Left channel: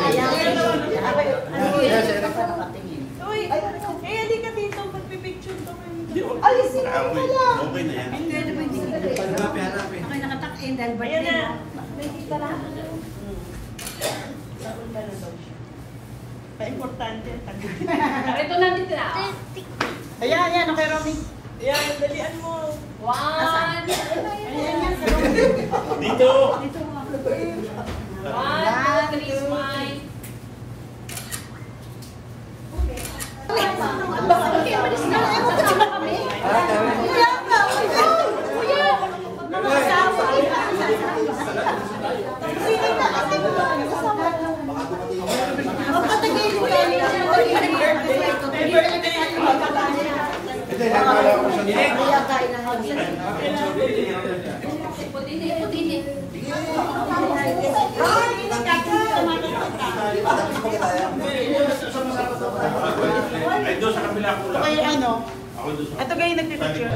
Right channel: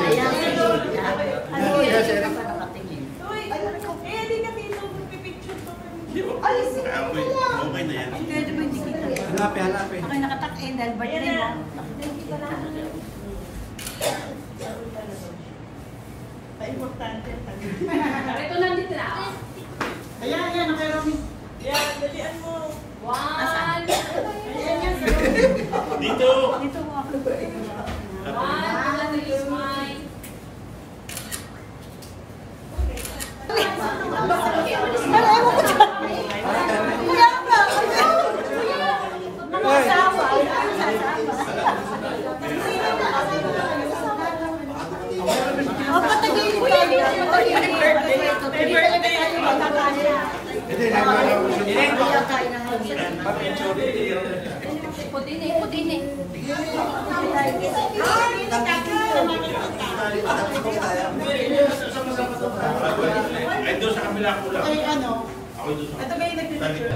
Ayan, yes, era pa nakatingin. Uy, hindi ka dito magpipicture. Alisin mo na lang. Okay na yan. Okay, nakatak-in dahil ba yun mo? Ito nandito na. Ayan, okay, Romy. Yan, dalian mo. Asan? Dito. Dito mo. 1, 2, 3, smile. Mga asawa. Ang patagin ko yun. May birthday tayo magkakaya. Kaya kain ng hangiran. Putini. Ay, doon sa kabila ko lang. Kaya ano? Ito kayo nagpipicture.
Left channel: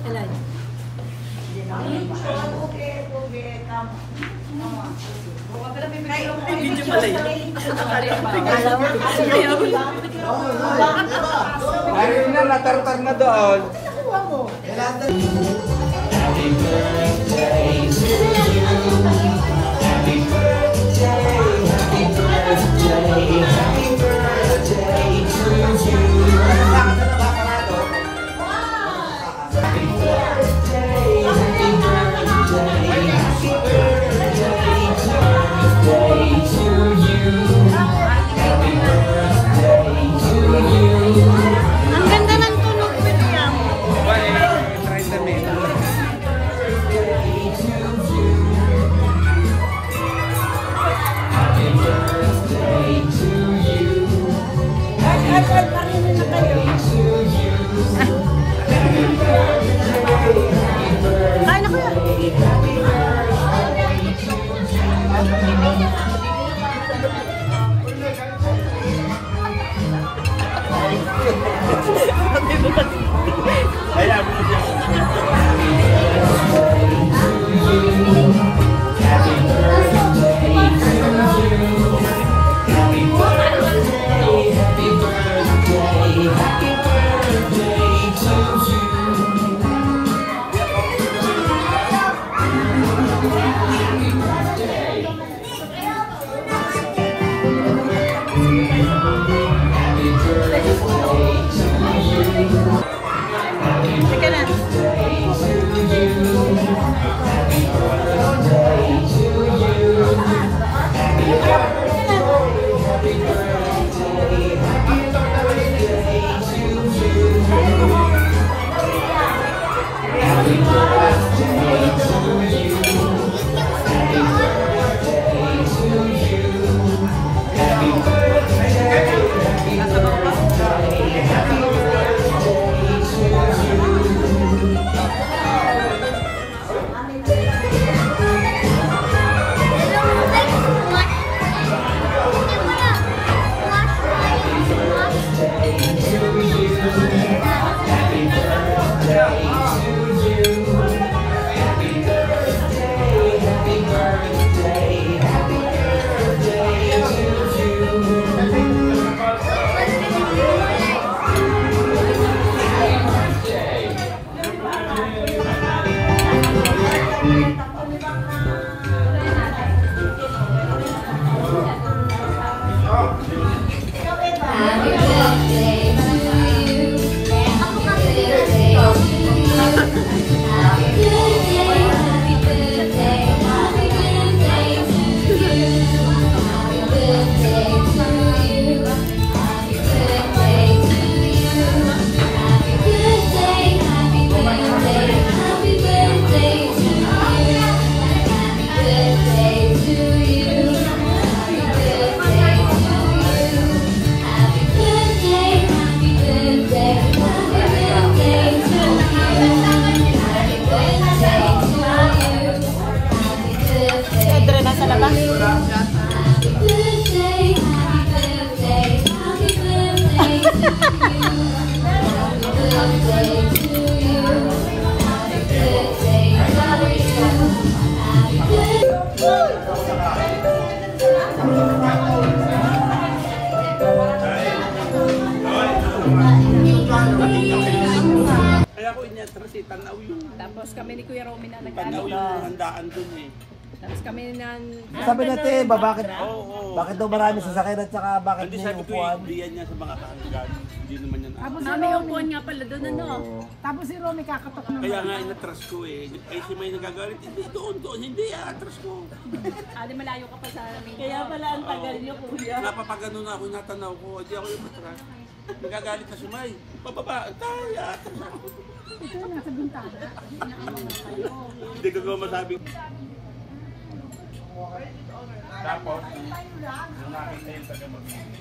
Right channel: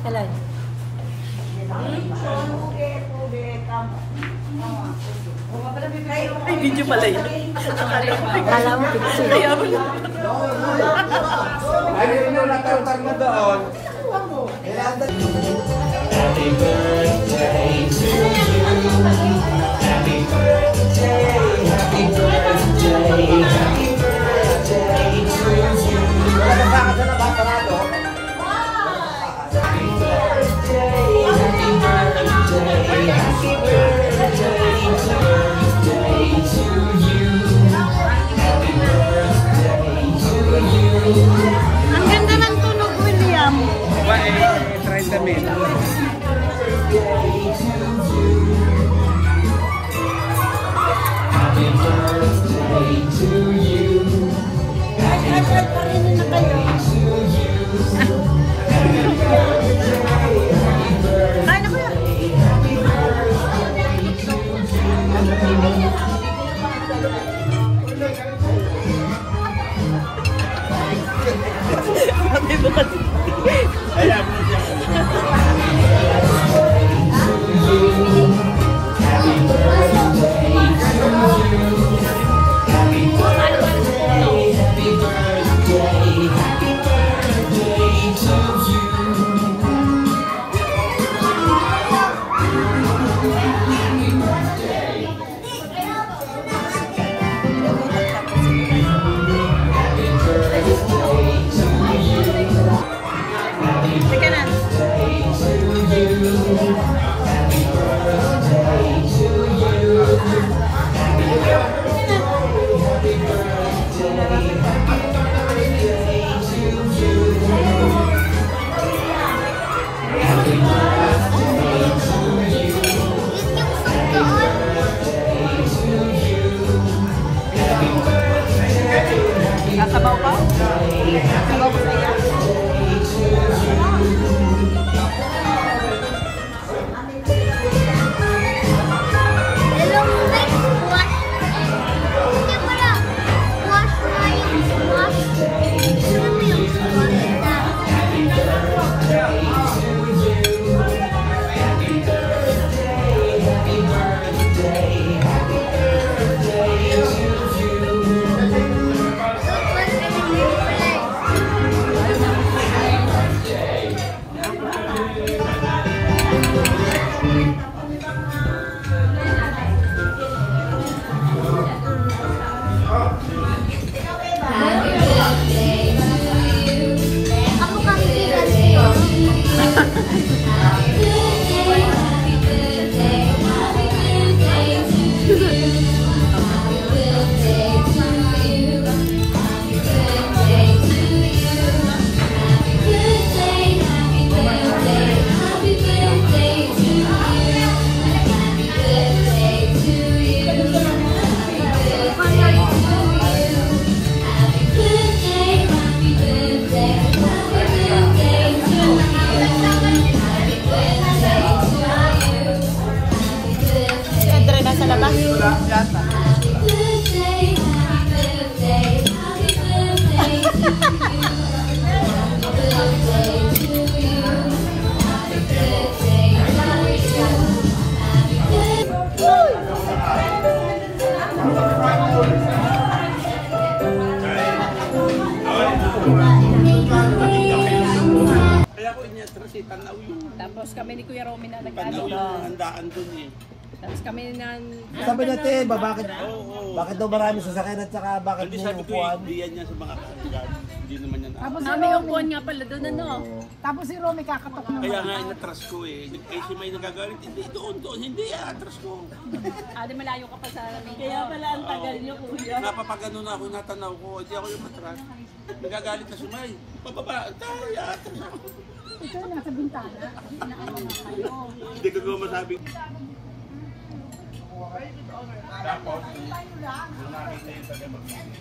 Kailan? Video pala yun. Kala mo, Kaya mo lang. Ano yun na, natarutag na doon. Happy birthday to you. Happy birthday, happy birthday, happy birthday to you. Happy birthday, happy birthday, happy birthday to you. Happy birthday to you. ang ganda ng tunog, William. At parinin na kayo. Kain na kuya. Kaya mo na siya. Sige na. Si Andre nasa labas. inatras eh, tanaw yung Tapos kami ni Kuya Romy na tanaw nag-ano. yung handaan dun eh. Tapos kami na... Sabi natin, bakit, Oo. bakit daw marami sasakyan at saka bakit Hindi may sabi ko upuan? hindi yan sa mga kaanggan. Hindi naman yan. Tapos Ah, may upuan nga pala doon ano. Oo. Tapos si Romy kakatok naman. Kaya nga inatras ko eh. Eh si may nagagalit, hindi doon, hindi atras ko. Di malayo ka pa sa amin. Kaya pala ang tagal niyo, kuya. Napapagano na ako, natanaw ko, hindi ako yung matras. Nagagalit na si May. Pababa, tayo, atras ako. Ito nasa bintana. Inaaman na kayo. Hindi ko masabi. Tapos, nung nakita yung taga-mabili.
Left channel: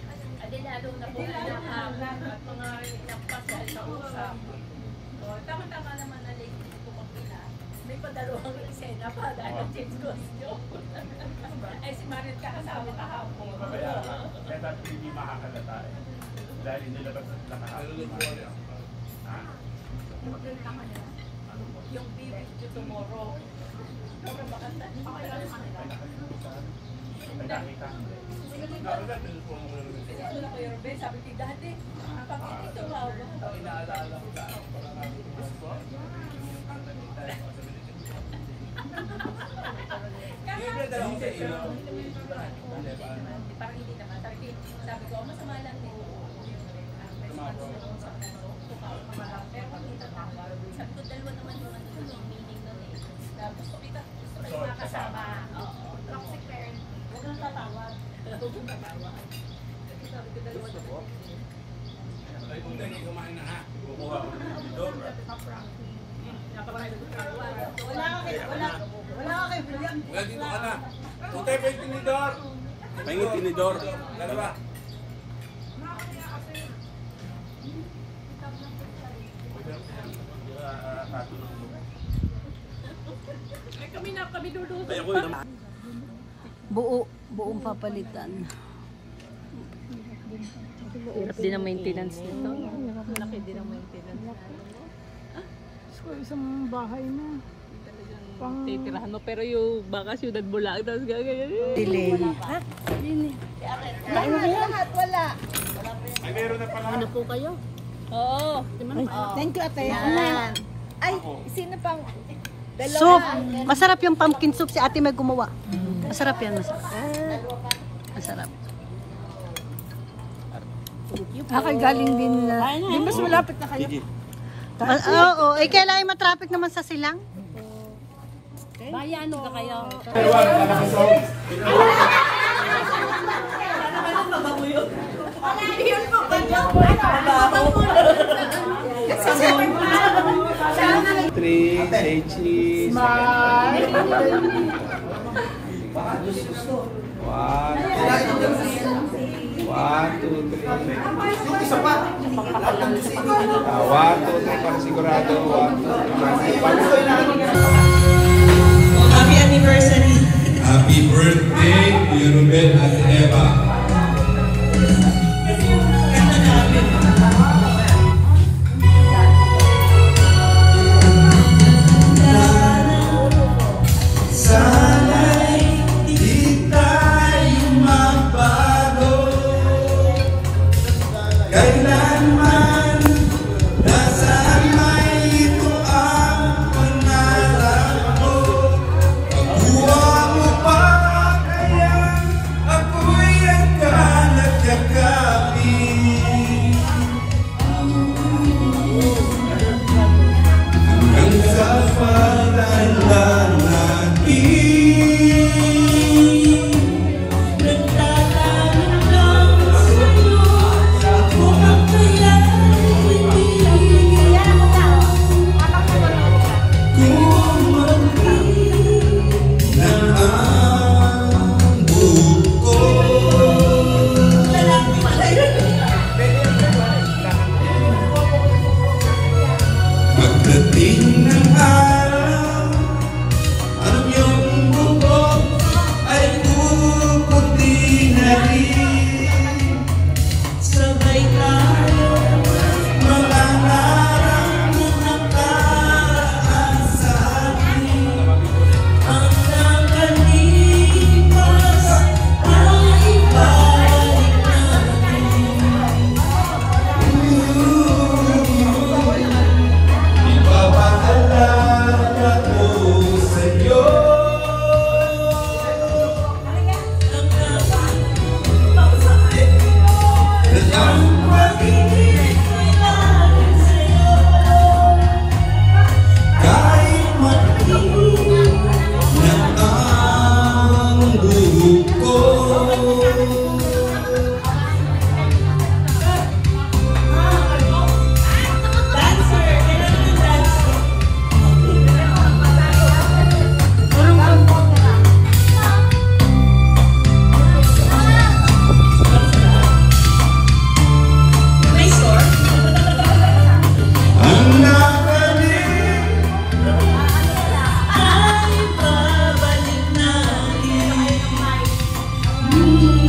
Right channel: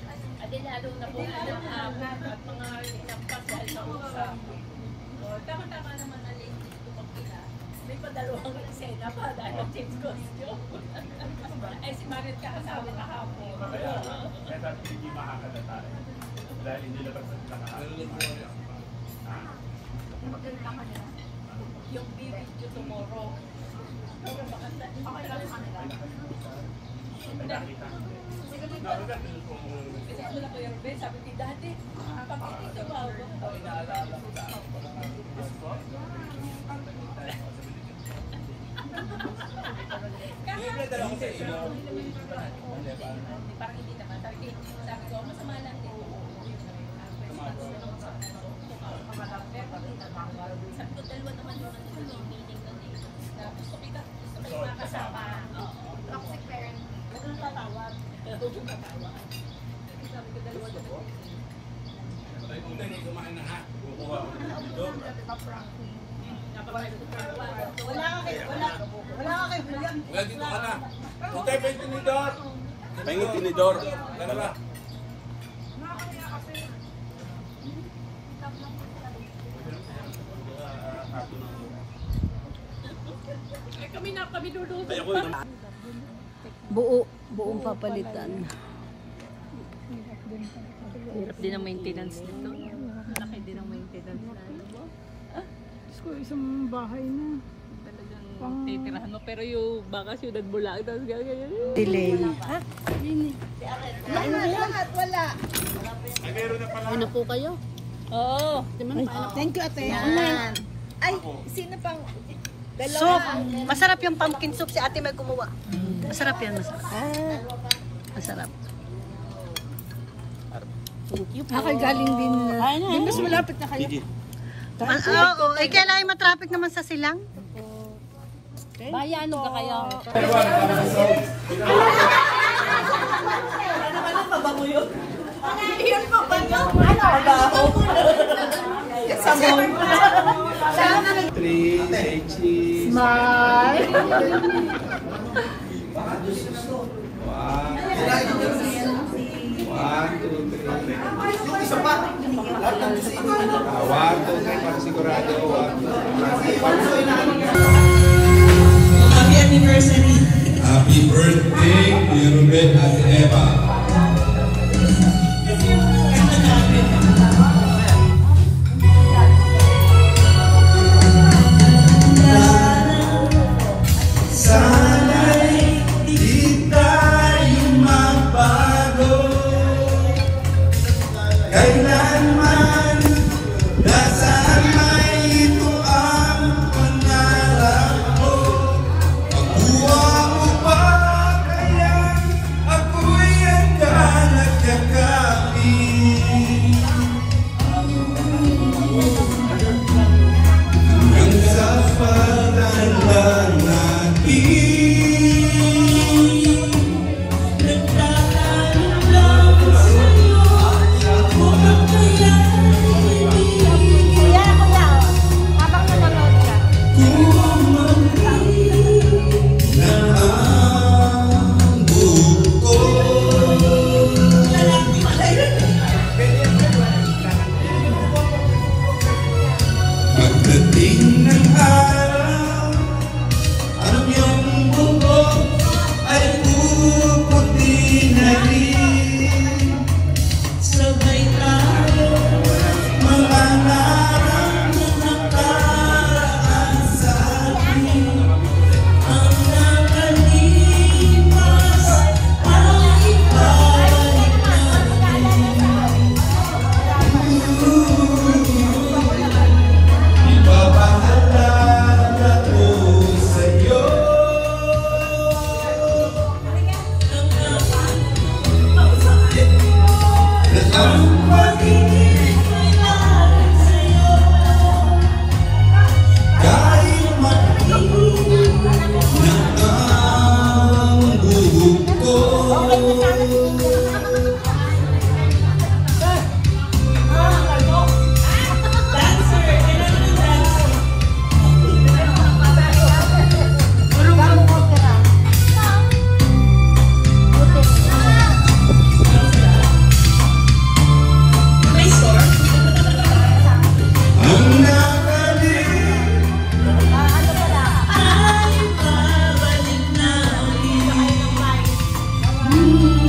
Lalo na po nakakabot at mga inampas dahil sa usap. O, tama-tama naman na late dito mag-ina. May padalawang eksena pa dahil nag-change costume. Ay si Mariel kakasama kahapon. Kaya sabi hindi makakalata eh. Dahil inilabas na sila kahapon. Yung video tomorrow. Pero makanta. Ay nakalimutan. Ay nakita hindi. Nakalimutan, pinusuan ko lang naman. Wala ko yung Robin, sabi ko dati, pag ito ba ba? Ang inaalaala ko sa akin, baka nga butuhan ko. Yung kanta ni tayo ko sa bilitin ko. Hindi dala ko sa ilaw. Parang hindi naman. Sabi ko, masama lang nito. Yung response doon sa puno, tumawag ko lang. Pero hindi tatawag. Sabi ko, dalawa naman yung ano doon, yung meaning doon eh. Na gusto kayo makasama. Oo, tapos. Huwag kang tatawag. Huwag kang tatawag. Kasi sabi ko, dalawa naman yun eh. Ay, kung tayo kumain na ha. Kukuha ko ng bidor. Napapayag ko tatawag. Wala ka kay William. Huwag dito ka na. Kung tayo pa yung tinidor. Pahingin tinidor. Dalawa. Ay, kami duduso. Ay, ako yun. Buong papalitan. Hirap din ang maintenance nito. Laki din ang maintenance na alam mo. Isang bahay na. Talagang titirahan mo. Pero yung baka siyudad mo lang. Tapos gagawin. Delay. Ano po kayo? Oo. Thank you, Ate. Ay, sino pang... Soup. Masarap yung pumpkin soup. Si Ate may gumawa. Masarap yan, masarap. Masarap. Galing din. Di mas malapit na kayo. Oo, kailangan matraffic naman sa silang. Baya ano ka kayo? Yun pa ba niya? Mabaho. Sabon. Three, say cheese. Happy birthday, Kuya Ruben at Eva. Sana'y di tayo magbago. Kailanman nasaan may ito ang pangarap ko. Pagkuha mo pa kaya ako'y agad nagkakapin. Hanggang sa pagtanda natin. Pagdating ng araw, ang iyong bubog ay puputi na rin. Sabay tayo mangangarap ng nakaraan sa atin. Ang nakalipas ay ibalik natin. Ibabalik you.